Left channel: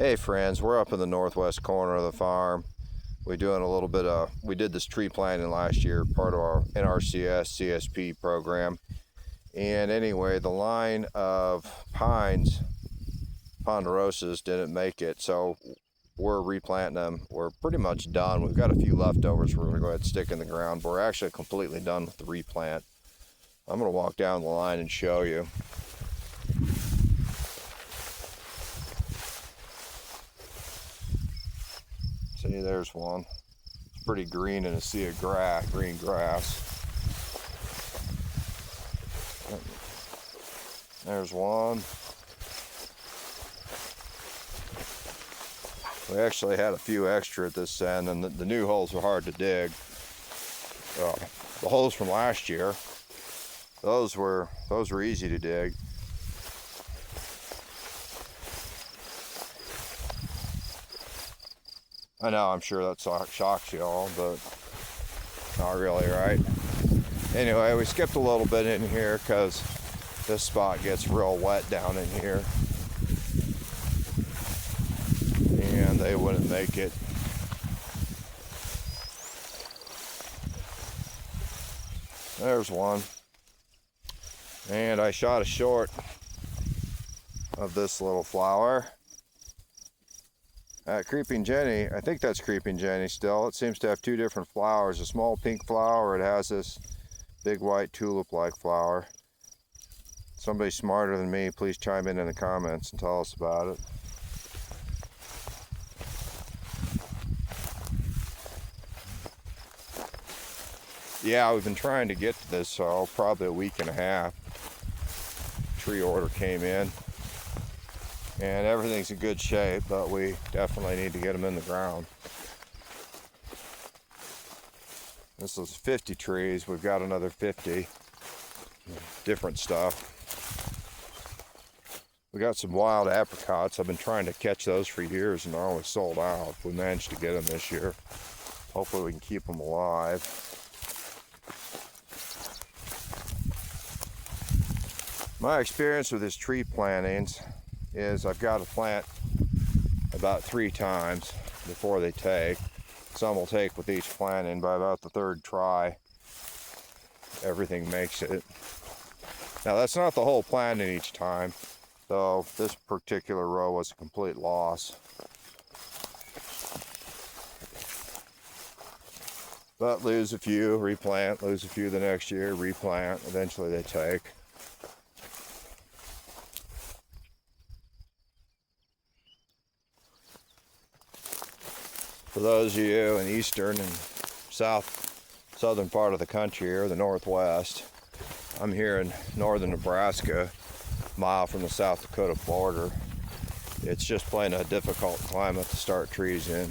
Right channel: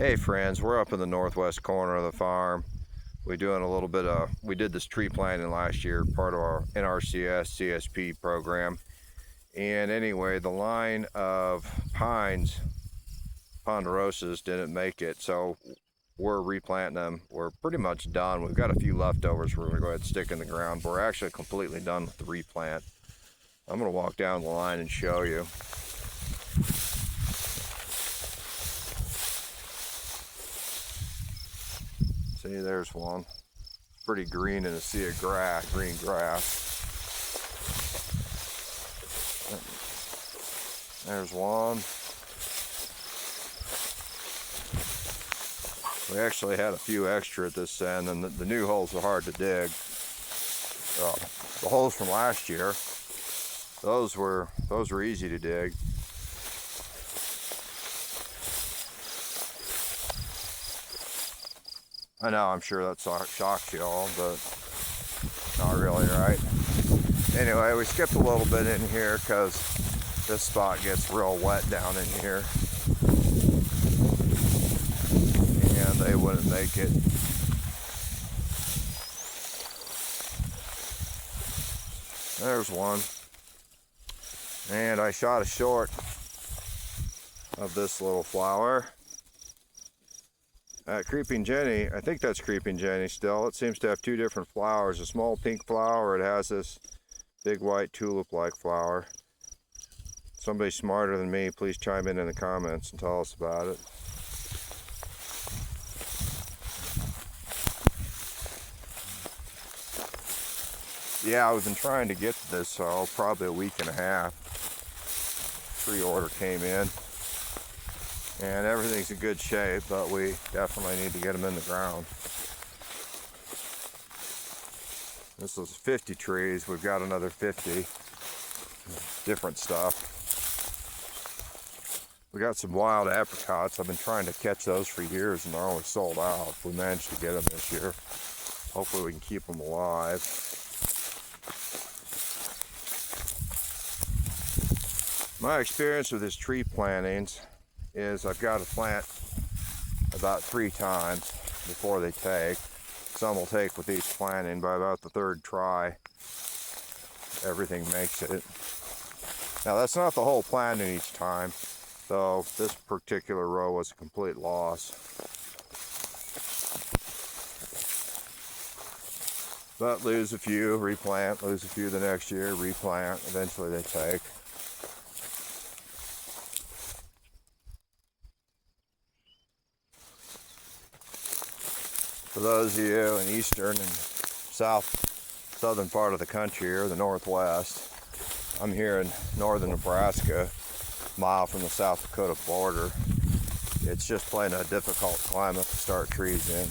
Hey friends, we're up in the northwest corner of the farm. We did this tree planting last year, part of our NRCS CSP program. And anyway, the line of pines, ponderosas, didn't make it, so we're replanting them. We're pretty much done. We've got a few leftovers we're gonna go ahead and stick in the ground, but we're actually completely done with the replant. I'm gonna walk down the line and show you. See, there's one. It's pretty green in a sea of grass, green grass. There's one. We actually had a few extra at this end, and the new holes are hard to dig. The holes from last year, those were easy to dig. I know, I'm sure that shocks you all, but not really, right? Anyway, we skipped a little bit in here because this spot gets real wet down in here. And they wouldn't make it. There's one. And I shot a short of this little flower. Creeping Jenny, I think that's Creeping Jenny still. It seems to have two different flowers. A small pink flower, it has this big white tulip-like flower. Somebody smarter than me, please chime in the comments and tell us about it. Yeah, we've been trying to get to this probably a week and a half. Tree order came in. And everything's in good shape, but we definitely need to get them in the ground. This is 50 trees. We've got another 50. Different stuff. We got some wild apricots. I've been trying to catch those for years and they're always sold out. We managed to get them this year. Hopefully we can keep them alive. My experience with this tree plantings is I've got to plant about 3 times before they take. Some will take with each planting. By about the 3rd try, everything makes it. Now that's not the whole planting each time, though this particular row was a complete loss. But lose a few, replant, lose a few the next year, replant, eventually they take. For those of you in eastern and southern part of the country or the northwest, I'm here in northern Nebraska, a mile from the South Dakota border. It's just plain a difficult climate to start trees in.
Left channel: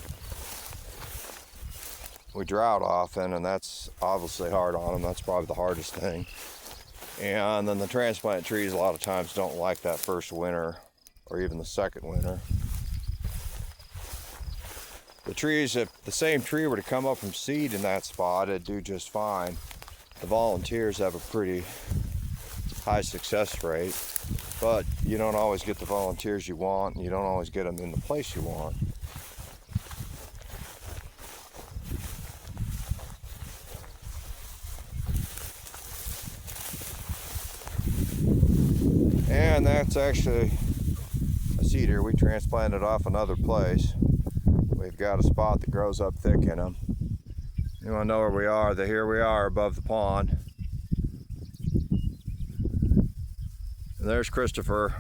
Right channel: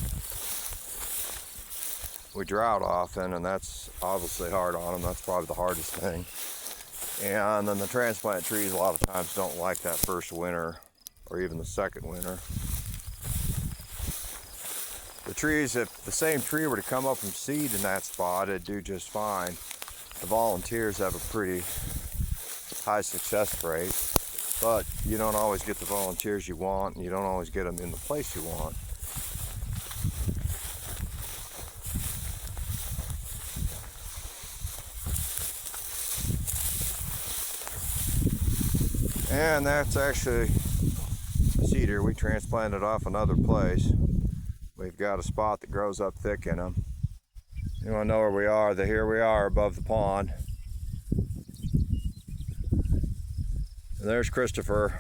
We drought often, and that's obviously hard on them. That's probably the hardest thing. And then the transplant trees a lot of times don't like that first winter or even the second winter. The trees, if the same tree were to come up from seed in that spot, it'd do just fine. The volunteers have a pretty high success rate, but you don't always get the volunteers you want, and you don't always get them in the place you want. And that's actually a cedar we transplanted off another place. We've got a spot that grows up thick in them. You want to know where we are? Here we are above the pond. And there's Christopher.